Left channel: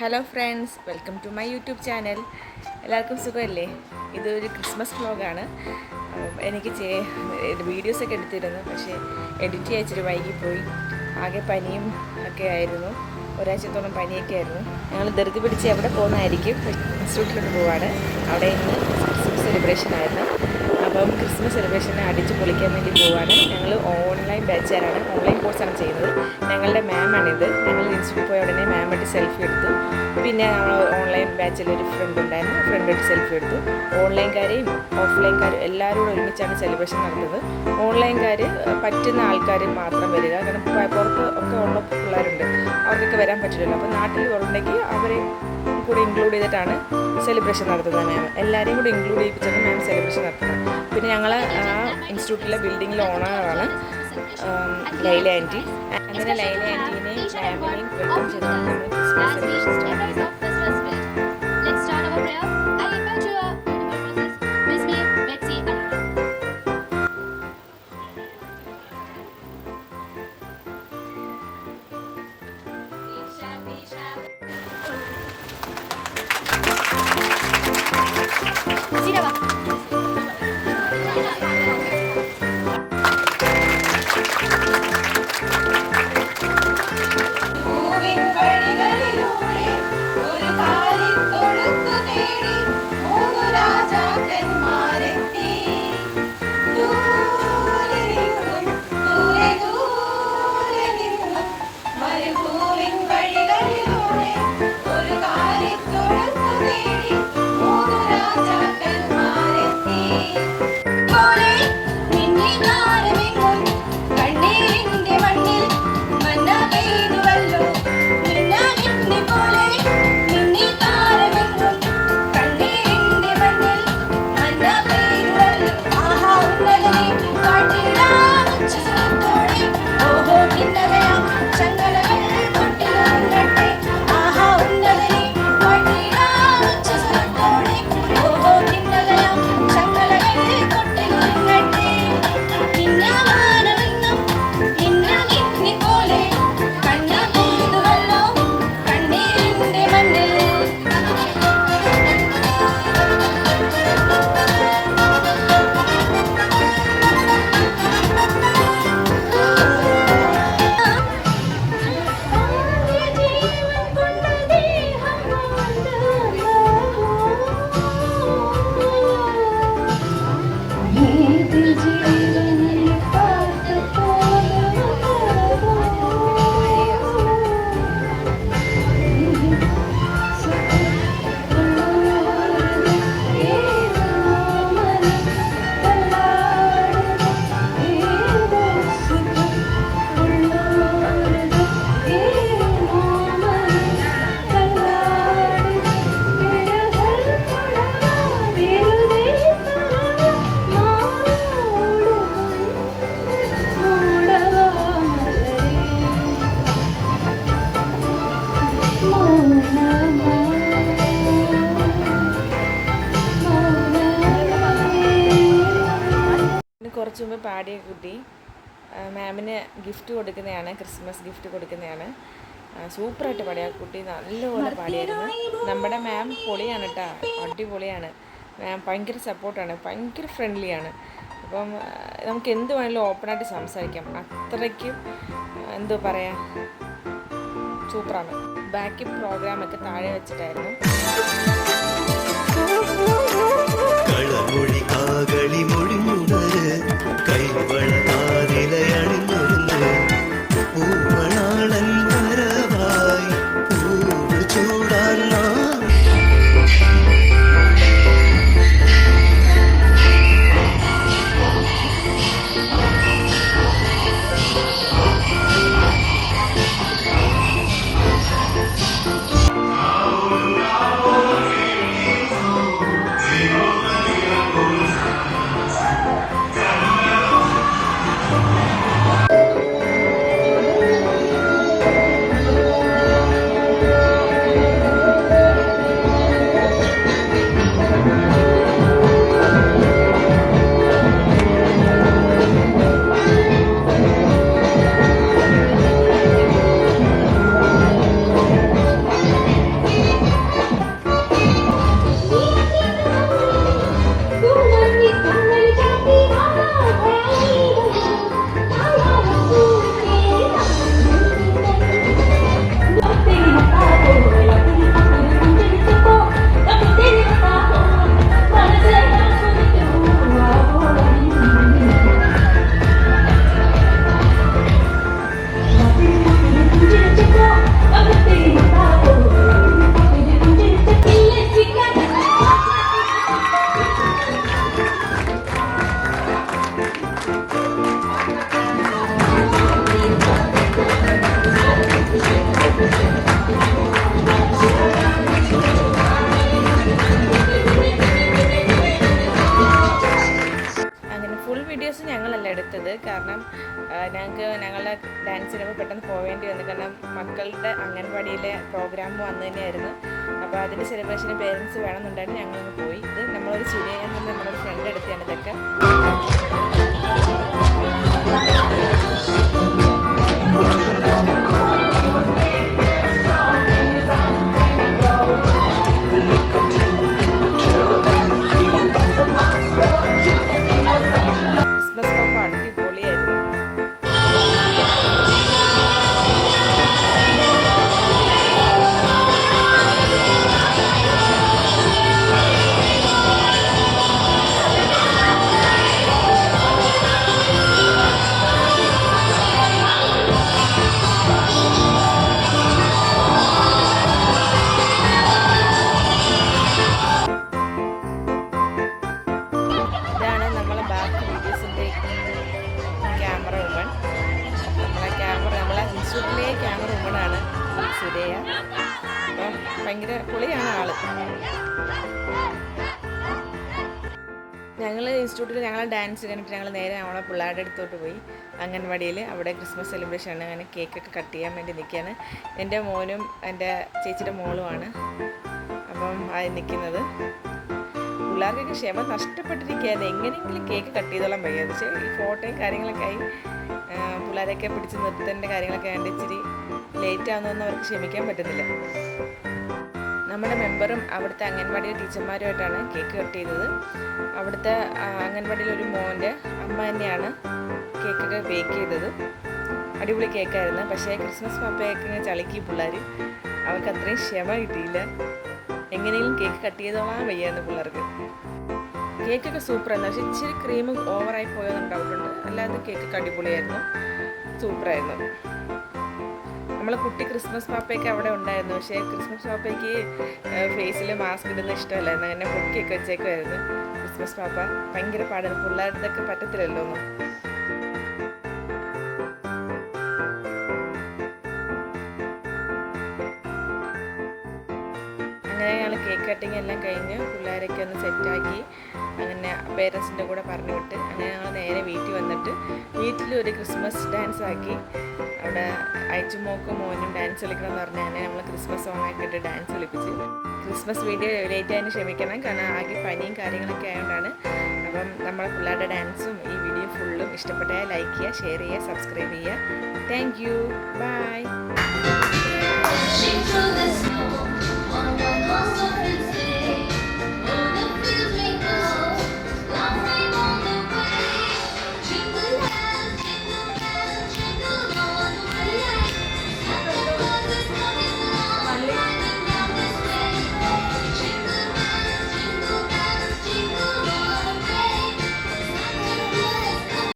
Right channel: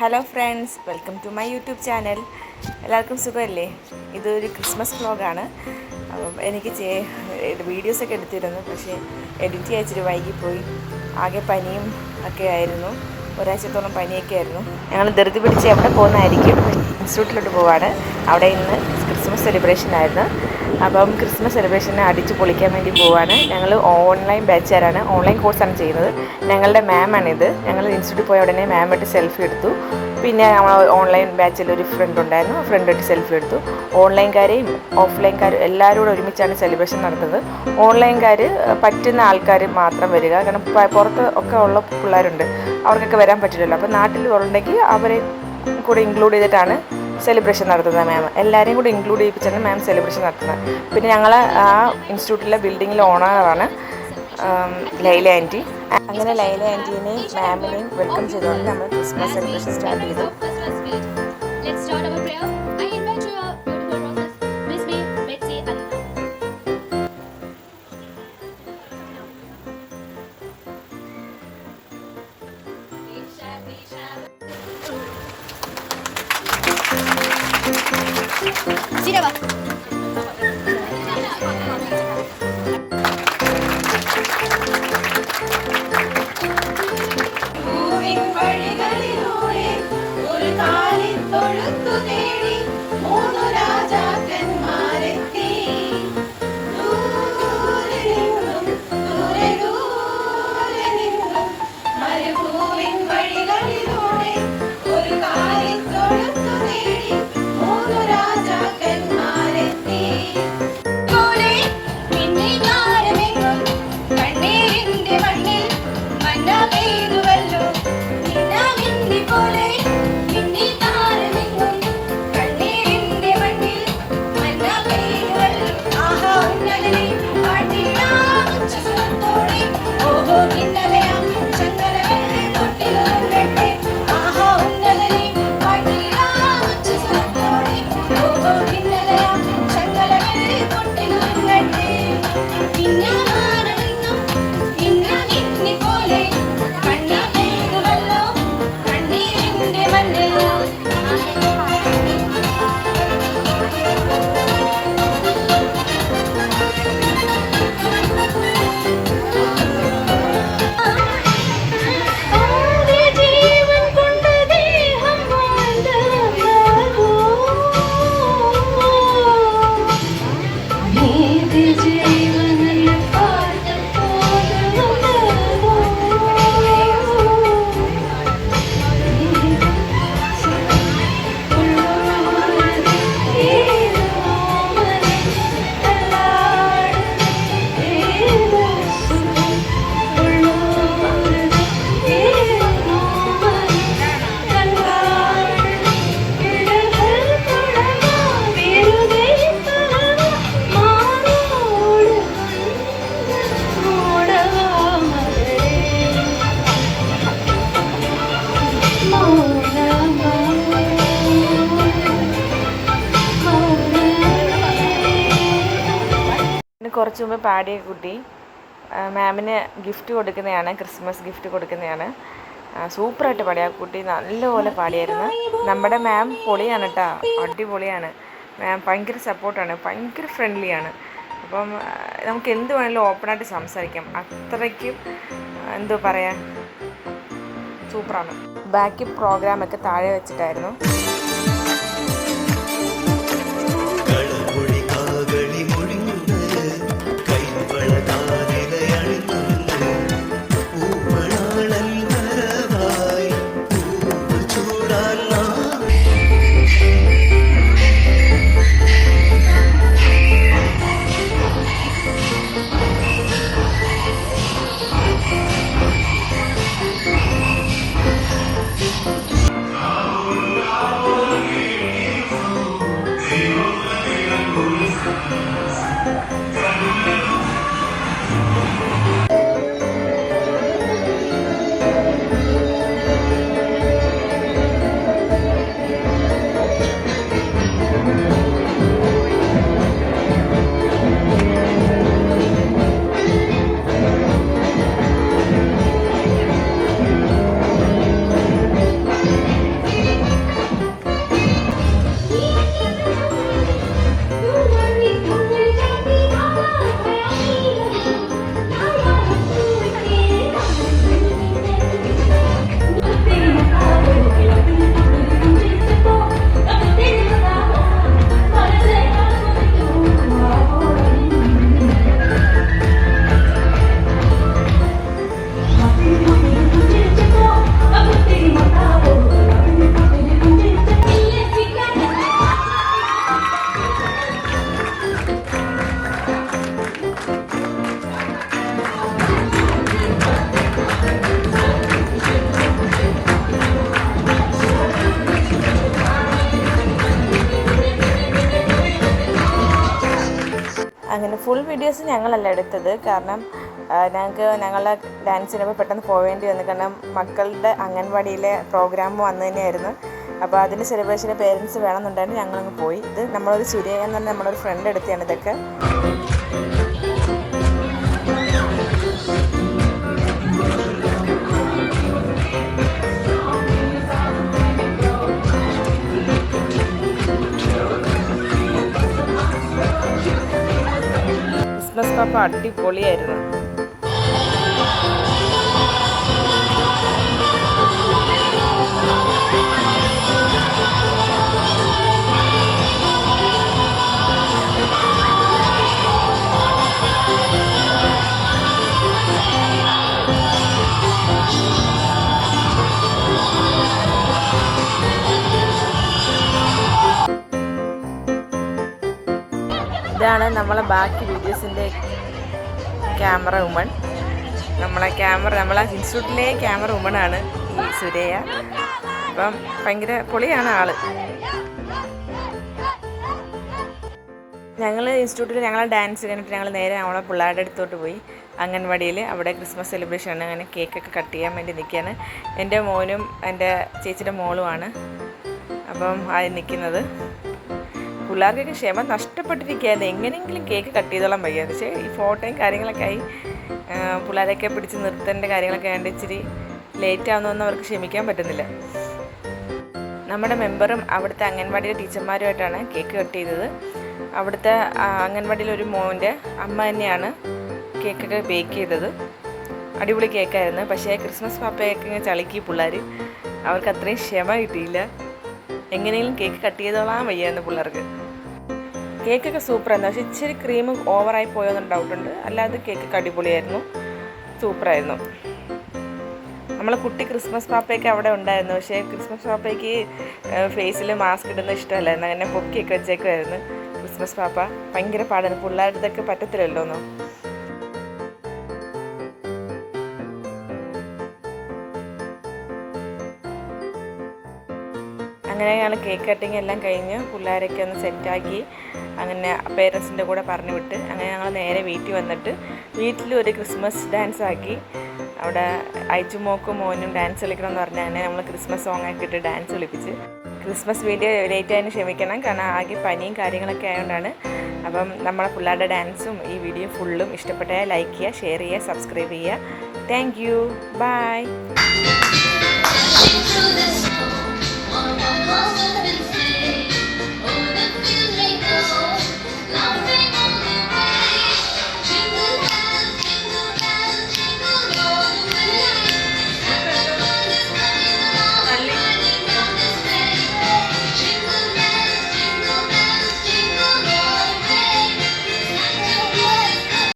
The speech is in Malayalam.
Hello friends, welcome to my YouTube channel. എല്ലാവർക്കും സുഖമല്ലേ? ഇതൊരു ക്രിസ്മസ് വ്ലോഗാണ്. അപ്പം എനിക്ക് വീഡിയോസൊക്കെ എടുത്തിരുന്നു, പക്ഷേ എഡിറ്റ് ചെയ്യാൻ ഇച്ചിരി വൈകിപ്പോയി. ആകെ പനിയും ഒക്കെ ആയിരുന്നു, ഒരാഴ്ചത്തോളം പനിയൊക്കെ ആയിരുന്നു. ഞങ്ങൾ ധൃതി പിടിച്ച് എവിടെ പോകുന്നതായിരിക്കും, ഇൻസ്റ്റിറ്റ്യൂട്ടിലോട്ട് പോവാണ്. അവിടെ ഇന്ന് ക്രിസ്മസ് സെലിബ്രേഷൻ ആയിരുന്നു. അപ്പം ക്രിസ്മസ് സെലിബ്രേഷനെ അടിച്ച് പൊളിക്കാൻ വേണ്ടി പോവാണ്. ഞങ്ങൾ ഓൺലൈൻ ബാച്ചുകാരാണ്, ഓൺലൈൻ കോഴ്സാണ് ചെയ്യുന്നത്. ഞങ്ങളുടെ മാമാണിത്. ഞങ്ങൾ ഇൻസ്റ്റിറ്റ്യൂട്ടിൽ പോയ ഉടനെ മാമായിട്ട് സെൽഫി എടുത്തു. പിന്നെ നമ്മൾ ഓൺലൈൻ ബാച്ചിൽ ഒരു ഫ്രണ്ട് ഉണ്ടായിരുന്നു, ഫ്രണ്ടായിട്ട് സെൽഫി എടുത്തു. ഓൺലൈൻകാരെയും ഓഫ്ലൈൻകാരും എല്ലാവരും കൂടെ ഒരുമിച്ചാണ് സെലിബ്രേഷൻ നടത്തുന്നത്. ഓൺലൈൻകാർ പറ്റുന്ന ആൾക്കാർ മാത്രം വരിക, കാരണം പുറത്ത് ഒക്കെ ഉള്ള പിള്ളേരുണ്ട്, അവർക്കൊക്കെ വരാൻ പറ്റില്ലല്ലോ. അപ്പോൾ നാട്ടിൽ ഉണ്ടെങ്കിൽ അവരെ കൂടെ ഇൻക്ലൂഡ് ചെയ്തിട്ടാണ് സെലിബ്രേഷൻ നടത്തുന്നത്. മാം എല്ലാവരെയും കൂടി ഇൻക്ലൂഡ് ചെയ്യിപ്പിച്ചാണ് മാം സെലിബ്രേഷൻ നടത്തുന്നത്. പിന്നെ ഞങ്ങൾ ആ ഇൻസ്റ്റിറ്റ്യൂട്ടിലെ ബിൽഡിങ്ങിലെ ഓണറാണ് ലൈല ആൻറ്റി. അങ്ങനെ ലൈല ആൻറ്റീനെയും മാമിനെയും വെൽക്കം ചെയ്തുകൊണ്ട് നമ്മൾ ക്രിസ്മസ് സെലിബ്രേഷൻ സ്റ്റാർട്ട് ചെയ്തു. കുറച്ച് മുമ്പ് പാടിയ കുട്ടി മാമിന് ഗിഫ്റ്റ് കൊടുക്കുന്നതാണ്, ക്രിസ്മസ് ഗിഫ്റ്റ് കൊടുക്കുന്നതാണ്. സൂപ്പറായിട്ട് പാടിയ ആ കുട്ടി നല്ലപോലെ പാടിയായിരുന്നു. നമ്മുടെ മാം പൊളിയാണ് കേട്ടോ, അടിപൊളിയാണ്. മാം ഭയങ്കര സപ്പോർട്ടാണ്, ഭയങ്കര ഫ്രണ്ട്ലിയാണ്. അപ്പം നമുക്ക് എന്ത് വേണമെങ്കിലും ഓപ്പണായിട്ട് സംസാരിക്കാം, അത്രയ്ക്കും എന്തോ പറയാ, സൂപ്പറാണ്. ബാക്കി പ്രോഗ്രാമൊക്കെ താഴെ വെച്ചിട്ടായിരുന്നു. അങ്ങനെ ഫുൾ വീഡിയോസ് ഞങ്ങളല്ല എടുത്തത്. കാരണം ഞങ്ങളുടെ ഡാൻസിനപ്പോൾ പെട്ടെന്ന് പോവേണ്ടി വന്നു. കാരണം മക്കളുടെ അംഗൻവാടിയിലെ പ്രോഗ്രാം വന്നു തന്നെയായിരുന്നു. അപ്പോൾ അതിൻ്റെ സെലിബ്രേഷന് പേരൻസ് വേണമെന്നുണ്ടായിരുന്നു. ഞങ്ങളങ്ങ് പോയി. ഇത് നമ്മളൊരു സുരയ എന്ന് പറഞ്ഞാൽ നമ്മളൊരു ഫ്രണ്ട് എടുത്തിയാണ് ഇതൊക്കെ. ക്രിസ്മസ് പാപ്പ അടിപൊളിയായിരുന്നു. ഇതാണ് നമ്മളെ ബാക്കി വീഡിയോസിൻ്റെ ക്യാമറ വുമൺ. നമ്മളെ ഇൻസ്റ്റിറ്റ്യൂട്ടിലെ ക്യാമറ വുമണാണ് ഈ സുരയ. അപ്പം ഭയങ്കര പൊളിയാണ് ആള്. ഞങ്ങൾ ഇൻസ്റ്റിറ്റ്യൂട്ടിൽ ഞങ്ങളെ ഡാൻസ് കഴിഞ്ഞിട്ട് ഞങ്ങൾ നേരെ നമ്മളെ പിള്ളേരുടെ അടുത്തോട്ട് പോയി. അംഗൻവാടിയിൽ അവിടെ ക്രിസ്മസ് സെലിബ്രേഷനാണ്. അങ്ങനെ കേക്കൊക്കെ കട്ട് ചെയ്യാൻ വേണ്ടി നിൽക്കുകയാണ്. എൻ്റെ മോനും എൻ്റെ ചേച്ചിയുടെ മോളുമാണ് അപ്പം അത് നിൽക്കുന്നത്. പിള്ളേർക്കൊക്കെ ക്ഷമ നഷ്ടപ്പെട്ടിരിക്കുകയായിരുന്നു. എങ്ങനെയെങ്കിലും കേക്ക് കട്ട് ചെയ്തോളാൻ വയ്യാതെ. പക്ഷേ ഈ ഫോട്ടോയും കാര്യങ്ങളൊക്കെ ആയി പിള്ളേരെയൊക്കെ പിടിച്ച് നിർത്തേണ്ട കാര്യങ്ങളൊക്കെ ആയതുകൊണ്ട് ഇച്ചിരി ലേറ്റ് ആവുന്നതൊന്നും അവർക്ക് ക്ഷമിക്കാൻ പറ്റുന്നില്ല. നമ്മുടെ മെമ്പറും അവിടുത്തെ അംഗൻവാടിയിലെ ടീച്ചർമാരുമായിട്ടാണ് കേക്ക് കട്ട് ചെയ്തത്. അവിടുത്തെ അംഗൻവാടിയിലൊരു മോൻ്റെ അമ്മ തന്നെയാണ് കേക്കൊക്കെ ബേക്ക് ചെയ്തത്. അടിപൊളി കേക്കായിരുന്നു. പക്ഷേ ക്രിസ്മസ് പാപ്പയൊക്കെ ഇങ്ങനെ ചളിക്കി പിള്ളേർ. അവർക്ക് അത്രയും ക്ഷമ കിട്ടിയില്ല. എങ്ങനെയെങ്കിലും കേക്ക് കട്ട് ചെയ്തോളാൻ വയ്യായിരുന്നു പിള്ളേർക്ക്. കേക്കൊക്കെ സൂപ്പറായിരുന്നു. പക്ഷേ ഇച്ചിരി ക്രീം ഓവറായി പോയോന്നൊരു ഡൗട്ടുണ്ട്. അല്ലാതെ കേക്കൊക്കെ അടിപൊളിയായിരുന്നു, സൂപ്പറായിരുന്നു. നമ്മളെ കുട്ടി ക്രിസ്മസ് പാപ്പയൊക്കെ അവിടെ ഉണ്ടായിരുന്നു. പക്ഷേ ക്രിസ്മസ് പാപ്പയ്ക്ക് ഫേസിൽ മാസ്ക് ഇടുന്ന ഇഷ്ടമല്ലായിരുന്നു. അങ്ങനെ പൊക്കിയൊക്കെ വെച്ചേക്കുമായിരുന്നു ക്രിസ്മസ് പാപ്പ. ഭയങ്കര പാടാണ്. പിള്ളേരുടെ ഇതൊക്കെ പറ്റത്തില്ലല്ലോ ഒന്നും. അങ്ങനെ ഞങ്ങൾ കേക്ക് കട്ടിങ് എല്ലാം കഴിഞ്ഞ് പിള്ളേരൊക്കെ ഒന്ന് സെറ്റാക്കി അങ്ങനെ പേരൻസിൻ്റെ കൂടെ പറഞ്ഞു വിട്ട് അങ്ങനെ ഞങ്ങൾ നേരെ വീട്ടിൽ വന്നിട്ട് വീട്ടിലൊരു ക്രിസ്മസ് ഡാൻസ് ആക്കി. അവിടെ അയച്ചുമോക്കും മോനും ഡാൻസ് കളിക്കണമെന്ന് പറഞ്ഞാൽ അങ്ങനെ നമ്മൾ ക്രിസ്മസ് സോങ് ആക്കിയിട്ട് ഡാൻസ് കളിപ്പിച്ച്. ക്രിസ്മസ് വീഡിയോ ലേറ്റ് ആയതിന് ക്ഷമിക്കണം, കാരണം ആകെ പനിയും കാര്യങ്ങളൊക്കെ ആയതുകൊണ്ടാണ്. അപ്പം നമ്മളെ പിള്ളേരുടെ ഡാൻസും ഈ വീഡിയോ ഫുള്ളും ഇഷ്ടപ്പെട്ടാൽ ലൈക്ക് ചെയ്യുക, ഷെയർ ചെയ്യുക, സബ്സ്ക്രൈബ് ചെയ്യുക. Thank you, by.